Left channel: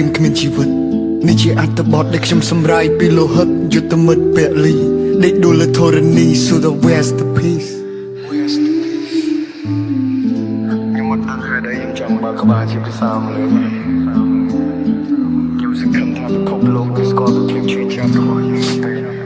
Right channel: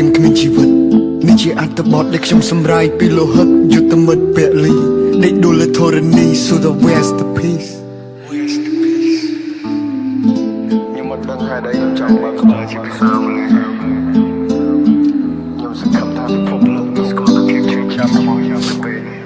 im គ្មានជីវិតនេះជាអត្ថបទដែលខ្ញុំសម្រាយពីលោហិតយុទ្ធមិត្តពលីដេកដួលលើធរណី so the masterpiece ខ្ញុំមិនដឹងហេតុអីខ្ញុំចង់បើកក្បាលជាភាសាម៉ាឡេខ្ញុំសង្ឃឹមថាពិភពលោកនេះស្គាល់ពីភាពឈឺចាប់របស់ខ្ញុំទៅពេលនេះ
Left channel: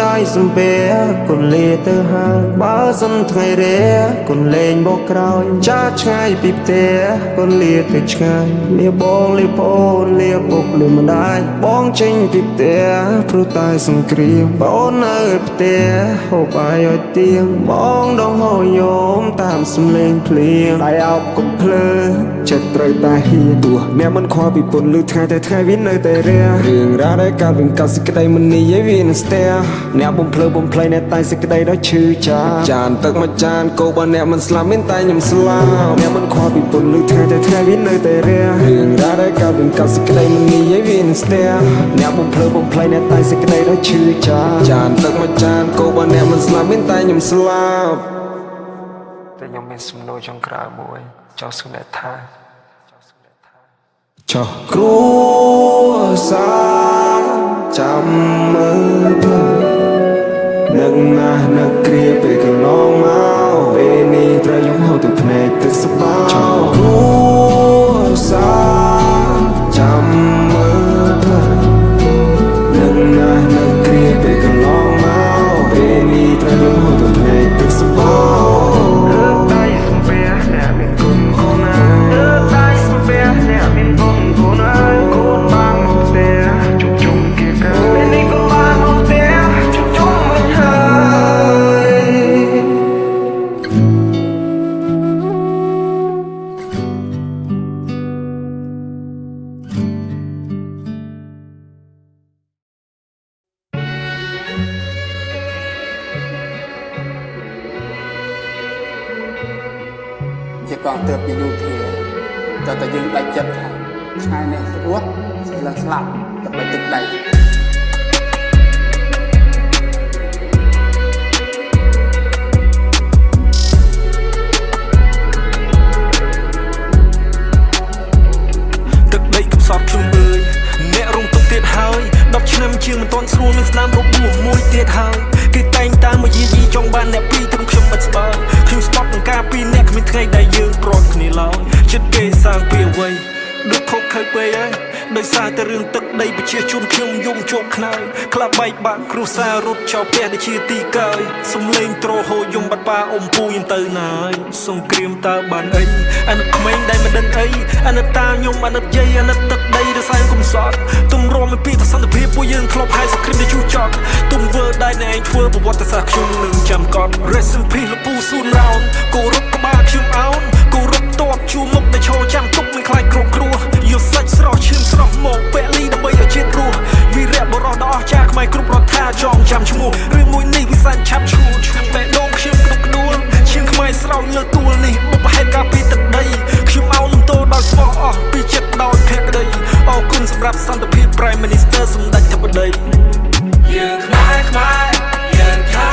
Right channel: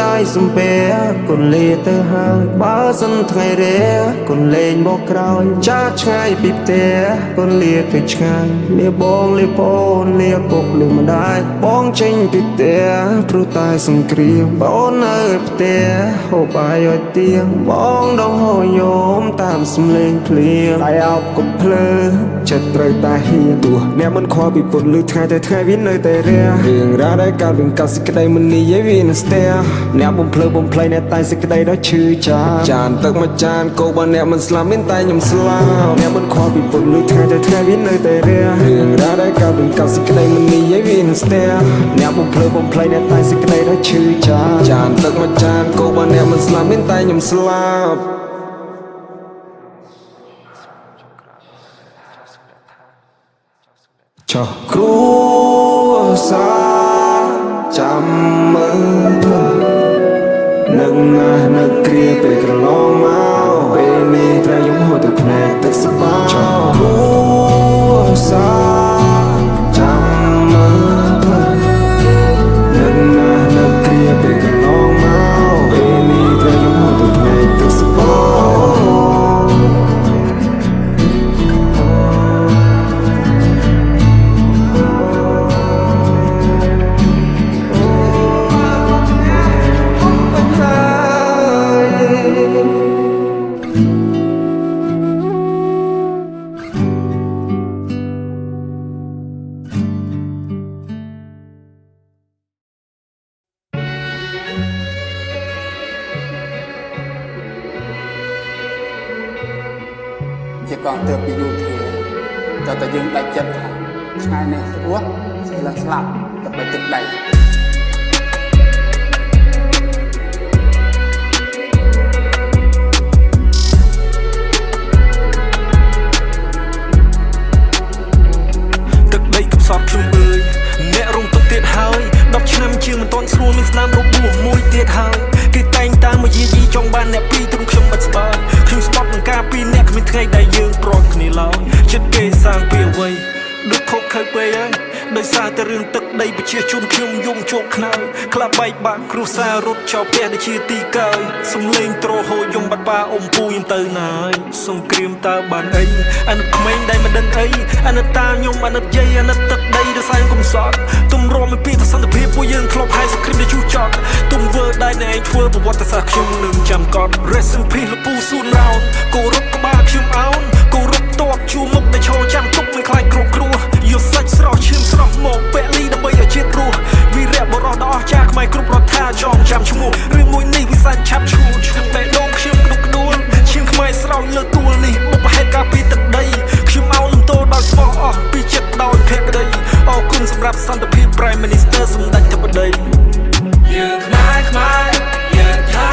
ได้สมเปียกุนเลียเตอหายบ้าสันไงเรียกุนเลงบอกกรอยจ้าชายปิบเตียกุนเลียติดชายเลียบองเลียปนเลียปกเลียมาได้บองจริงปิบเตียพรุตายสังเกลียบอนเอิบเตียโหบายอยเตียงบองดองหอยโยมตามสำเลงเพลียงได้เอากับเพลอจะไตรตาเฮียตัวแนวมันควาปิปนลือไทยแต่ไทยวินเลยแต่เรียเรื่องราวได้การเรื่องการสิกระไดมันนี่ยังวินสเตียแนวบ่มเพลบ่มเพลในใต้สิกระไดได้ชื่อจานตึกมาจานโกบันแนวมันสลามมินใต้ยำสลามแนวมันควาปิปนลือไทยแต่ไทยวินเลยแต่เรียเรื่องราวได้การเรื่องการสิกระไดมันนี่ยังวินสเตียแนวบ่มเพลในใต้สิกระไดได้ชื่อจานตึกมาจานโกบันแนวมันสลามมินใต้ยำสลามแต่ยังเป็นสมโนจงกราบวยเจ้าสุนัขท่าcho cru xa chăm mơ nâng na nâng kia về cái long máu bên đi trai giống hồ từ này từ sắp bao cho cru xa chăm mơ ពេលកន្លងមកពេលនេះត្រូវយំហូរទៅថ្ងៃទឹកសបោជាកងទ័ពពីយូធាតែយើងដាច់ចិត្តថាថ្ងៃនេះស្រួលស្លាប់ស្លាប់ដើម្បីទឹកដីទឹកដីកំសត់ខ្ញុំអើយអ្នករងទុកទៀតហើយ10ឆ្នាំជាងមិនទាន់ស្រួលមានស្នាមរបួសមួយទៀតហើយគេតែងតាមមកយាយីចង់បានអ្នកពីរត្រង់ខ្ញុំបាត់ស្បើខ្ញុំស្បត់នឹងការពីរអ្នកគ្មានថ្ងៃដែលយើងប្រត់គ្នាឡើយចិត្តគេសាងពីអ្វីដូចខុសខើពេកហើយដោយសារតែរឿងទឹកដីប្រជាជនខ្ញុំយំជោគខ្នើយក្លាប់បែកបាក់គ្រួសាររត់ចោលផ្ទះដែលជាទីកើយសំលេងទ្រហូរយំបាត់ប៉ាអ៊ំពូខ្ញុំទៅណាហើយសង្គ្រាមតើបានអីអាណិតក្មេងដែលមិនដឹងអីអាណិតតាខ្ញុំអាណិតយាយអាណិតទឹកដីដែលសែនកំសត់ទុំរំពីសន្តិភាពពួកយើងធ្លាប់ហើយសង្គ្រាមដែលជួចចត់ទុំវើដែលអ្នកឯងធ្វើប្រវត្តិសាស្ត្រខ្ញុំនឹងចាំកត់ Rest in peace លោកពូស៊ូនរោនគោរពក្បាលខ្ញុំអោនគោរពតបជួមុខដែលឈរចាំទុកមិនខ្លាចគ្រប់គ្រោះយកសាច់ស្រស់ឈាមស្រស់មកពលីដើម្បីឲ្យជាតិរស់វីរៈបរោះដ៏អស្ចារ្យខ្មែរគ្រប់រដ្ឋាចងចាំឈ្មោះរឿងមួយនេះវិសានឆាប់ឈួតបេះដូងខ្ញុំក្តុកក្តួលឈាមខ្មែរស្រោចលើទួលនេះបុព្វហេតុការពីទឹកដីខ្ញុំអោនលំទោដោយស្មោះអស់ពីចិត្តដោយភក្តីអរគុណសម្រាប់សន្តិភាព Prime Minister សម្ដេចធិបតីយើងខ្មែរយើងថៃ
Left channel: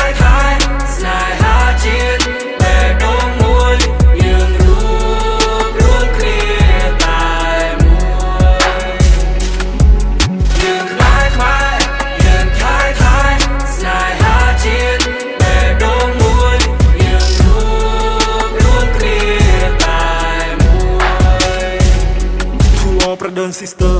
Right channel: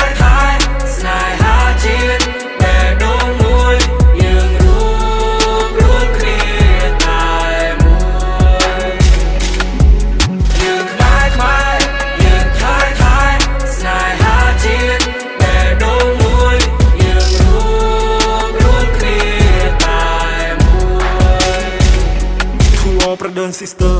ស្នេហាជាតិបេះដូងមួយយើងរួមគ្នាតែមួយយើងខ្មែរយើងថៃស្នេហាជាតិបេះដូងមួយយើងរួមគ្នាតែមួយ To all brother and sister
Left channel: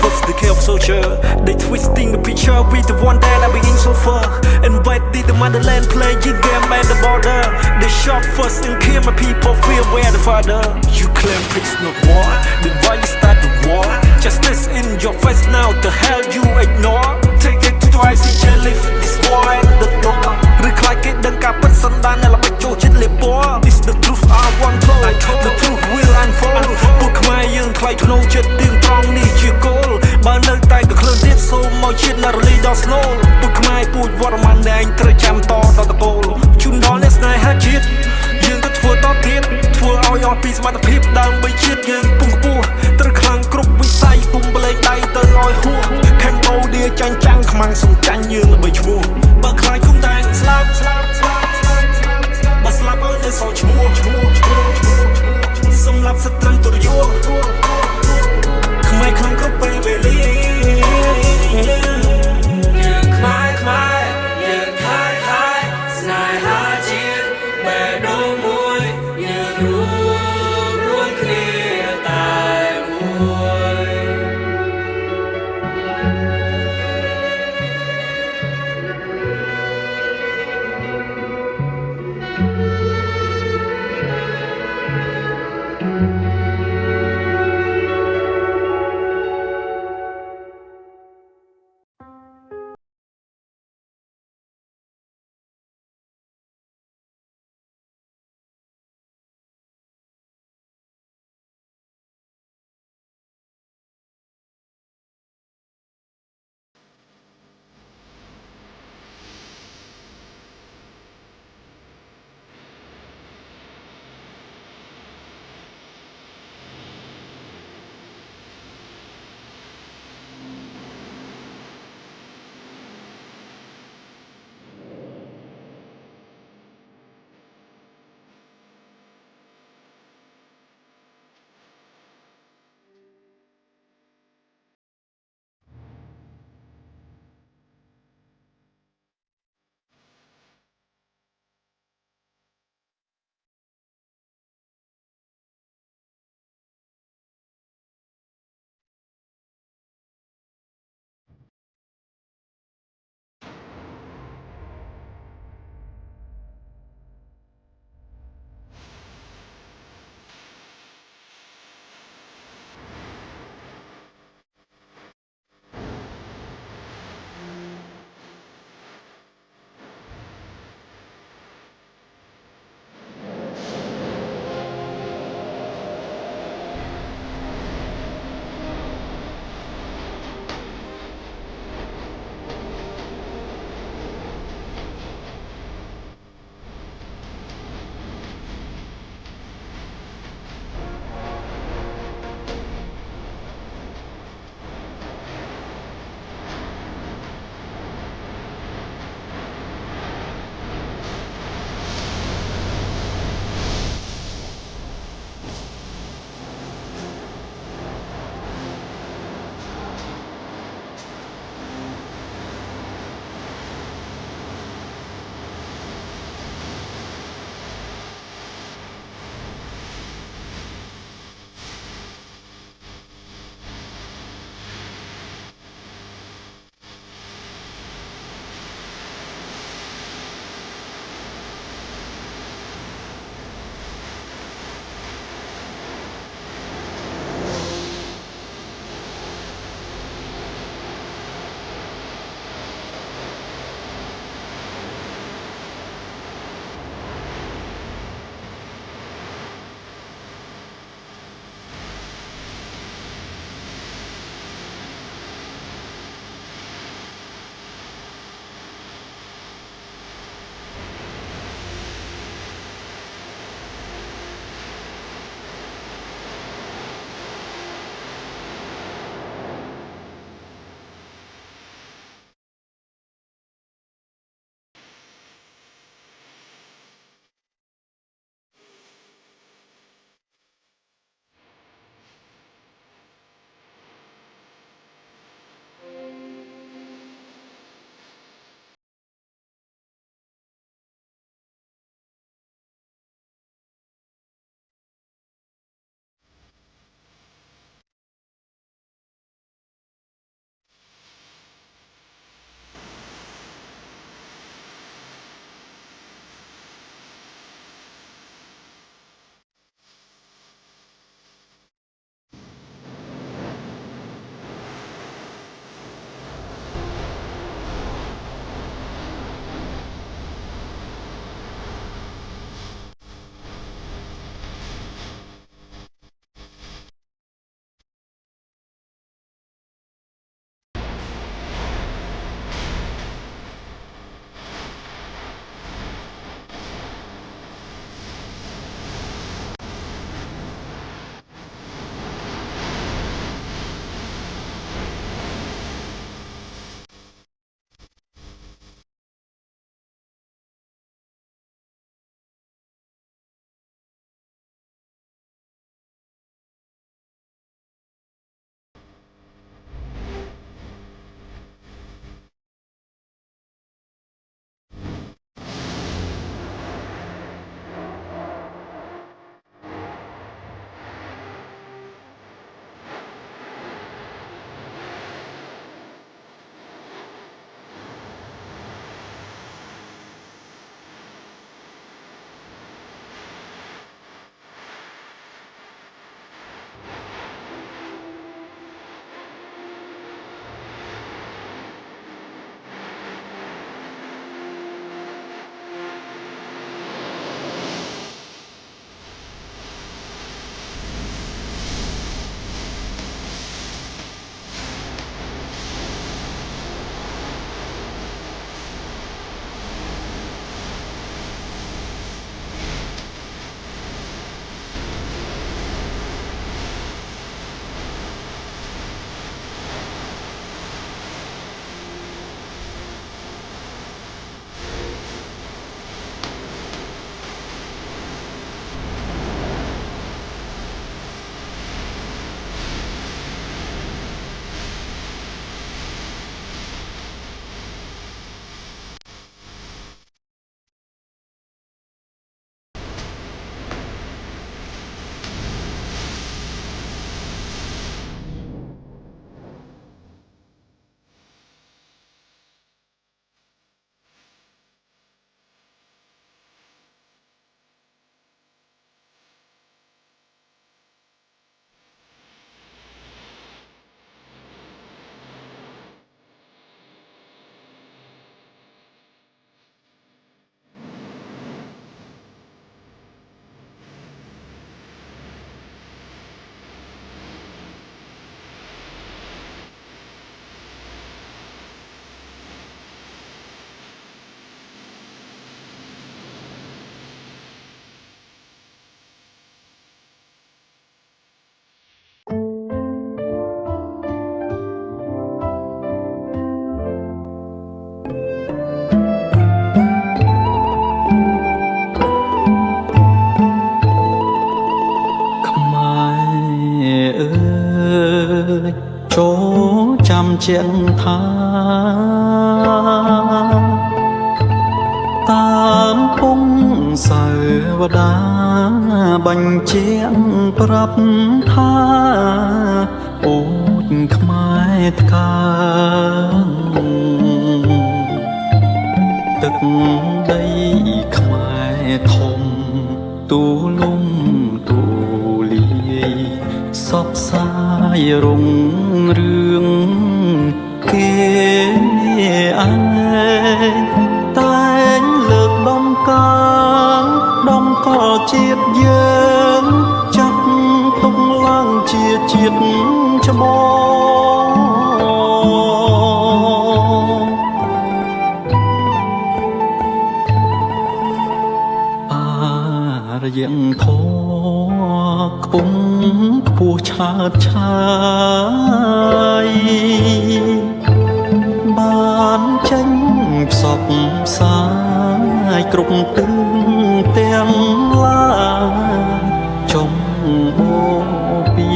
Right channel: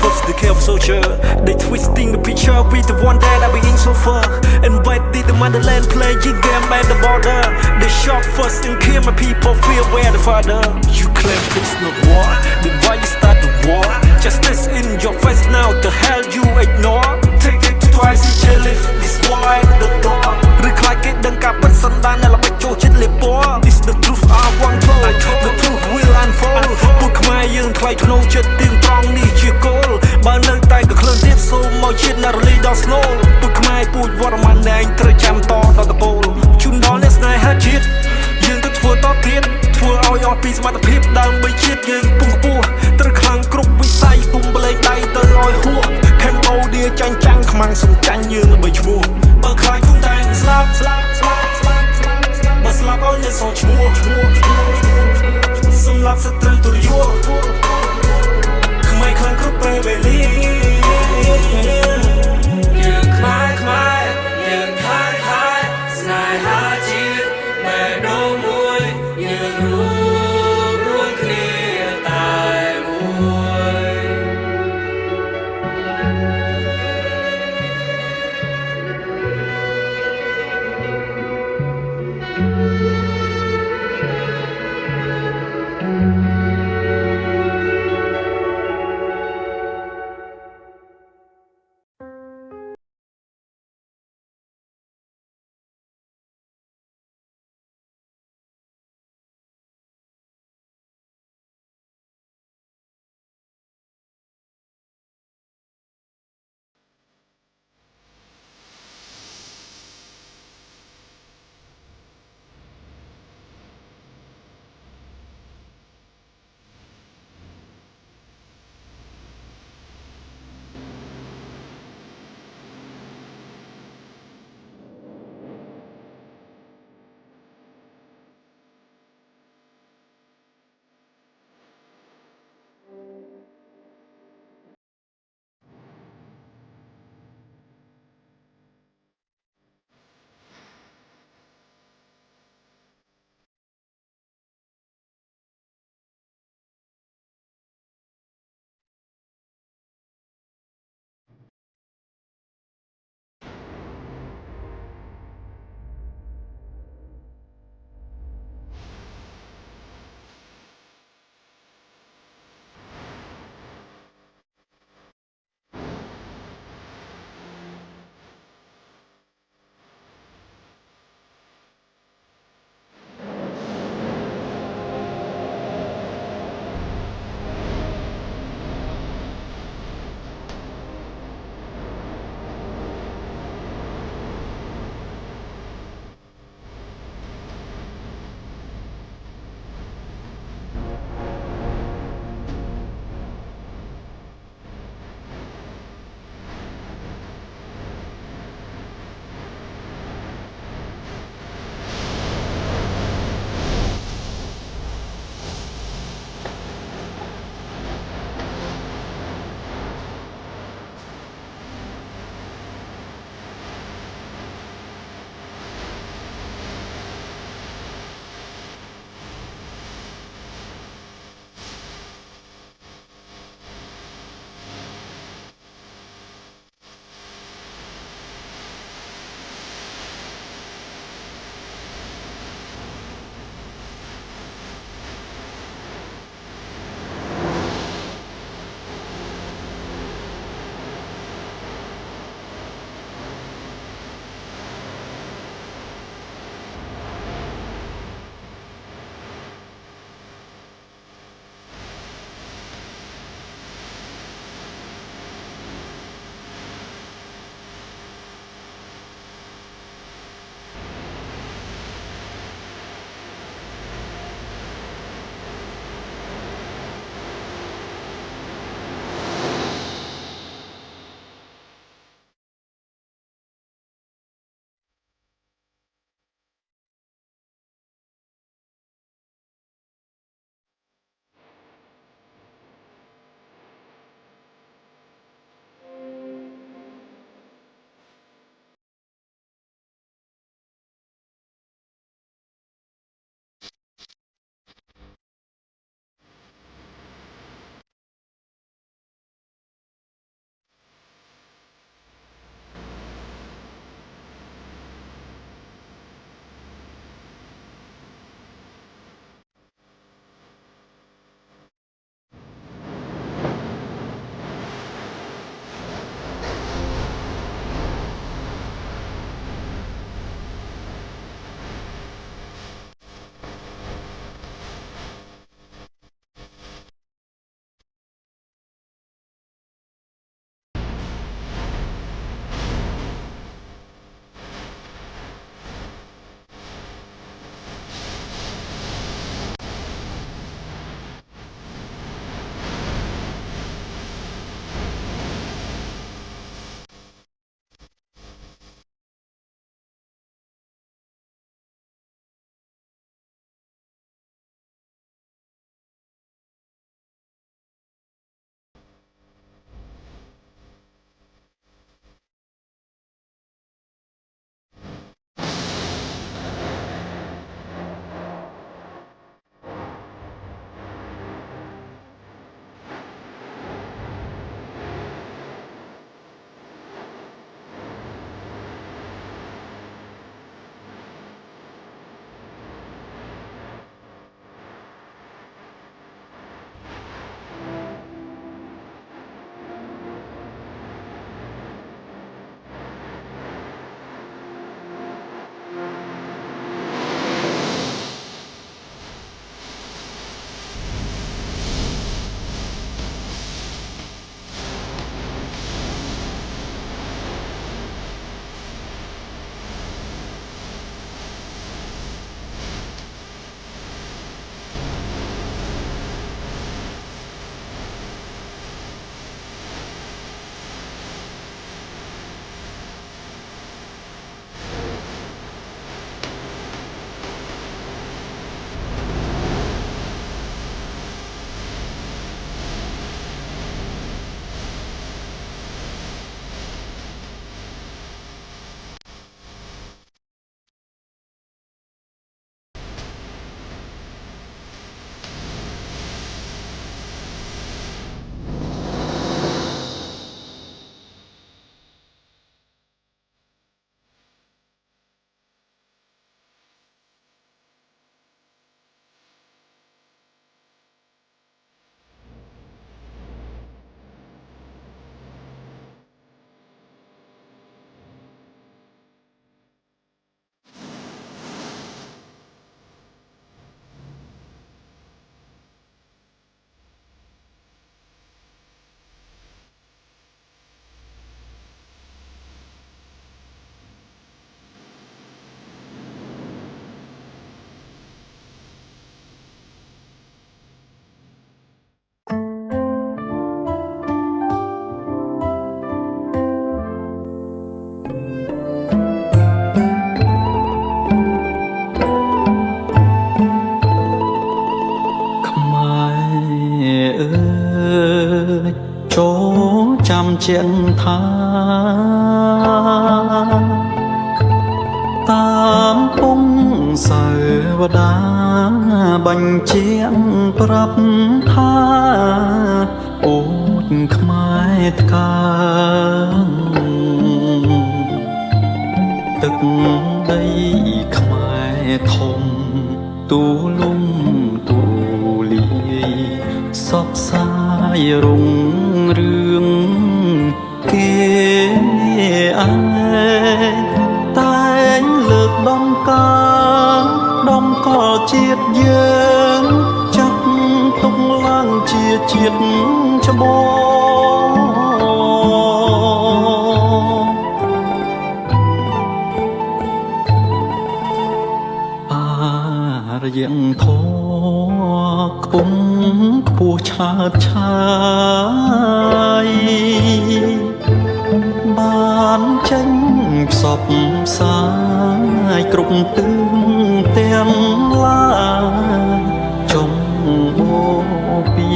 first the care of soldier they twisting the picture with the one that I be in so far invited the motherland playing game at the border they shot first and kill my people fear where the father you claim peace not war then why you start the war justice in your face now the hell you ignore take it to the ICJ lift this war at the door ឬខ្លាចគេដឹងការពិតសន្តានដែលល្បិចចូលចិត្តលេបពណ៌ This the truth I want told the truth will unfold ពួកខ្មែរយើងថ្លៃថ្នូរចិត្តទៀងត្រង់នេះជាគោលបើនៅតែក៏ខ្លួនទៀតសូមមកជាតិណារលីដល់ស្នូលពួកខ្មែរពូជវត្តមានឯងត្រូវចាំតដល់តពលជូនដល់អ្នកស្នេហាជាតិយើងទៅធ្វើតទៀតធ្វើឲ្យអស់ពីសមត្ថភាពដើម្បីជាតិយើងពងខ្ពស់ត្រូវខ្លាំងគ្រប់វិស័យគុំបលែងដៃ ជាងថាតាមពងសាវតាបញ្ជាក់ប្រាប់ថាអូចខ្មែរថ្កើងទឹកដីខ្មែរធំទូលំទូលាយសពសាយរុងរឿងគេឯងតែងលើកដំកើងដំកល់ជាតិយើងចាត់ទុកឡើងជាជាតិច្បងរយ៉ាងធေါ်ខ្ពង់ខ្ពស់ឆើតឆាយបានចេញផ្សព្វផ្សាយគ្រប់ទិសទាំងឡាយចុងបូពី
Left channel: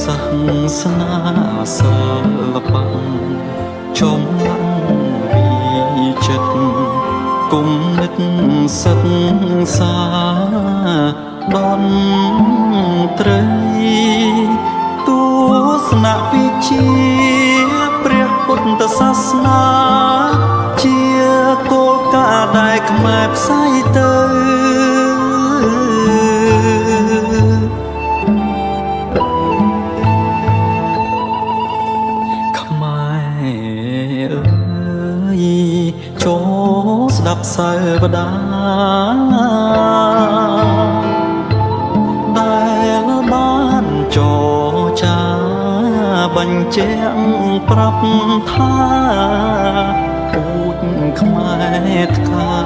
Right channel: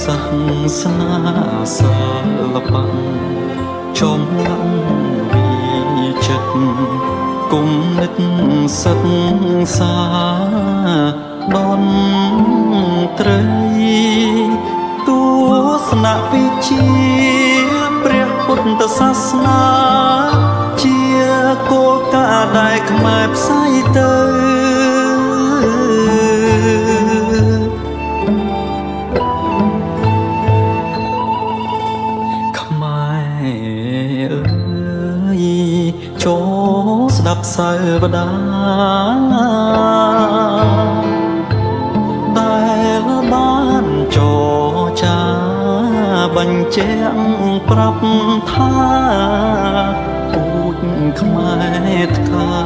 សាសនាសិល្បៈចំឡាំវិចិត្តគុំនិតសិក្សាដនត្រីទស្សនវិជ្ជាព្រះពុទ្ធសាសនាជាគោលការណ៍ដែលខ្មែរផ្សាយទៅខ្មែរអើយចូលស្ដាប់សាវតាដែលបានចរចាបញ្ជាក់ប្រាប់ថាពូជខ្មែរថ្កើ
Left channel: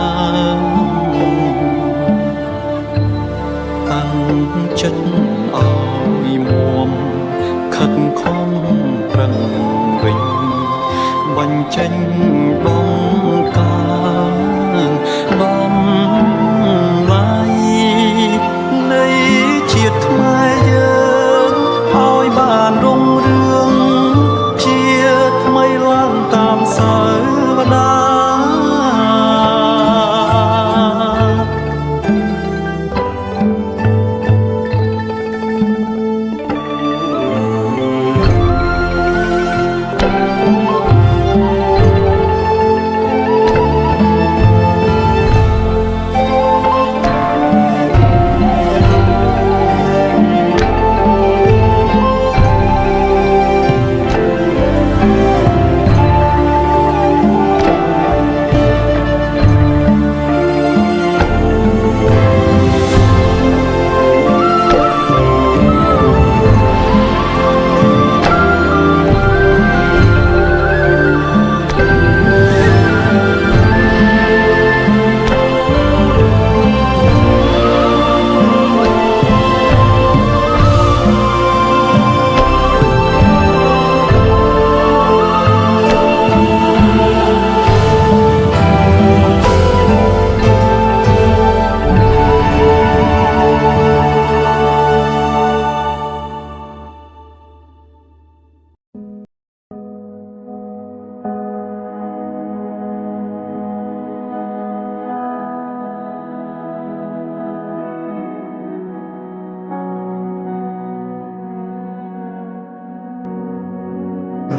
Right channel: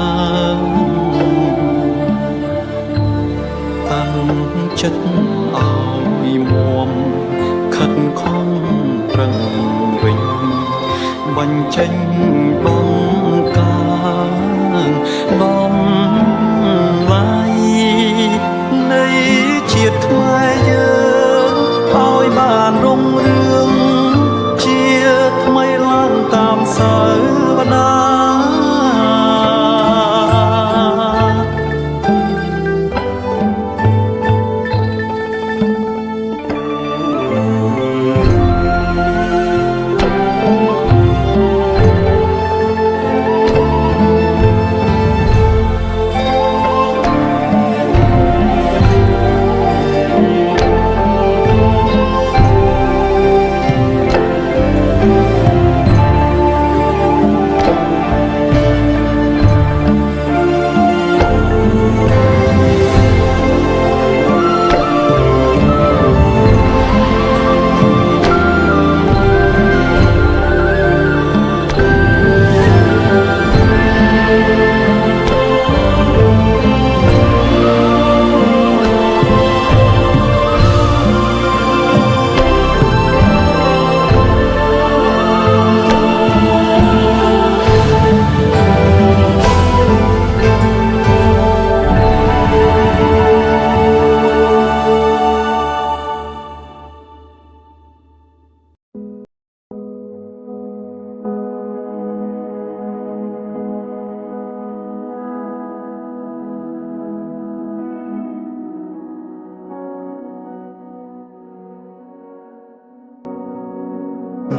ងតាំងចិត្តឲ្យមួមខិតខំប្រឹងវិញបញ្ចេញបំកើងបំឡាយនៃជាតិខ្មែរយើងឲ្យបានរុងរឿងជាថ្មីឡើងតាមសាវតា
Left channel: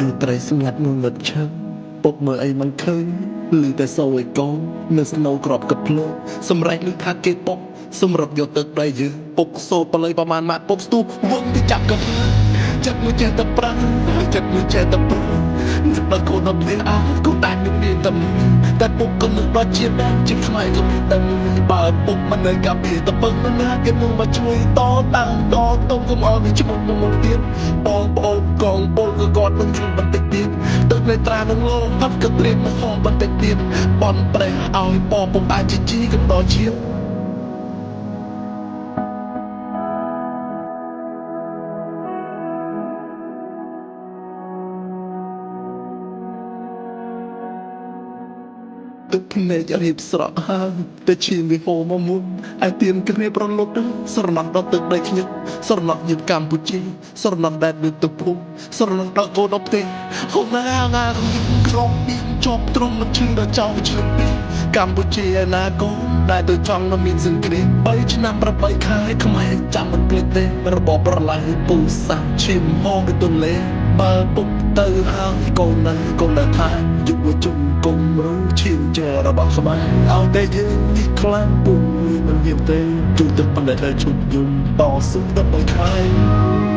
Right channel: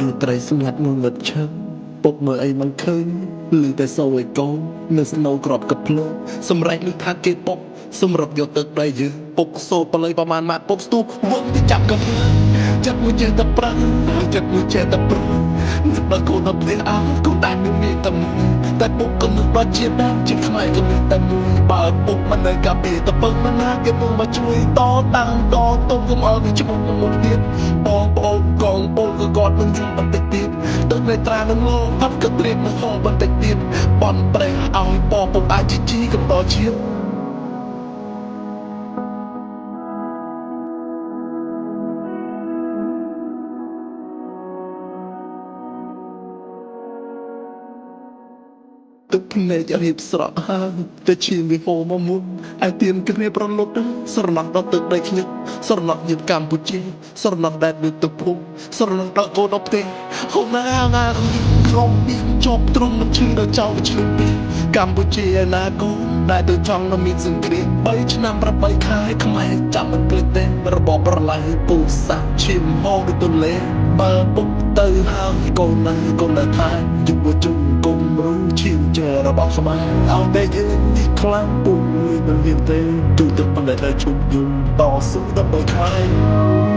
ឬត្រីស្ងាត់ងងឹតឈឹងពុកមើលអីមិនឃើញឮតែសូរឲ្យកូននៅស្នូក្របកភ្លើងសម្រែកឮថាគេពុកសម្រាប់យកទឹកដីយើងពុកសូរបល័យប្រមាណម៉ាក់ពុកស្ទូបវងទៅចាប់កភ្លើងចិត្តមួយចេះតែប្រាំងចិត្តមួយចេះតែព្រួយដល់កូនដល់ផ្ទះអើកូនតែនឹងមានតែមួយតែពុកក៏នឹកដល់ជាតិដែរជាខ្មែរក៏មានតែមួយបើពុកមិននៅកាពីតពឹកណាគេមកមកជួយតតាំងតទុកកុំអោយវាឈ្មោះមកទៀតបងប្អូនកងពលក៏គាត់នឹងយល់បន្តិចទៀតទឹកនៃត្រានឹងលោផាត់ក៏ត្រៀមនឹងហោបន្តិចទៀតបនប្រេះឲ្យពពុកអាចជីកំដរជា ទឹកភ្នែករៀបស្រក់ហើយតែឈាមវាហូរមកមុនឯទៀនគ្នាប្រលត់ស្រណោះដល់ទឹកដីខ្ញុំស្រណោះញៀនកម្ពុជាស្រណោះដែលមានទឹកភូមិស្រណោះដល់កូនដល់ផ្ទះហូរណាងាក្រុមមានជាប់ទ្រង់មិនឈឺដល់ចៅឆ្លឹងពីកម្ពុជាឯណាកូនដែលទៅចង់នៅមានសង្គ្រាម3ឆ្នាំ8ខែខ្មែរចាំមិនភ្លេចទេរបបប្រឡាយពូសាឈាមហូរទៅទន្លេបើពុកទៅហើយកូននឹងកូននៅថាយុវជនគុំរូឈាមចែរបស់ខ្មែរអោតែយើងនេះខ្លាំងពុកមិនមានទេទូទៅប៉ុន្តែឈប់យំតស៊ូដើម្បីខ្មែរ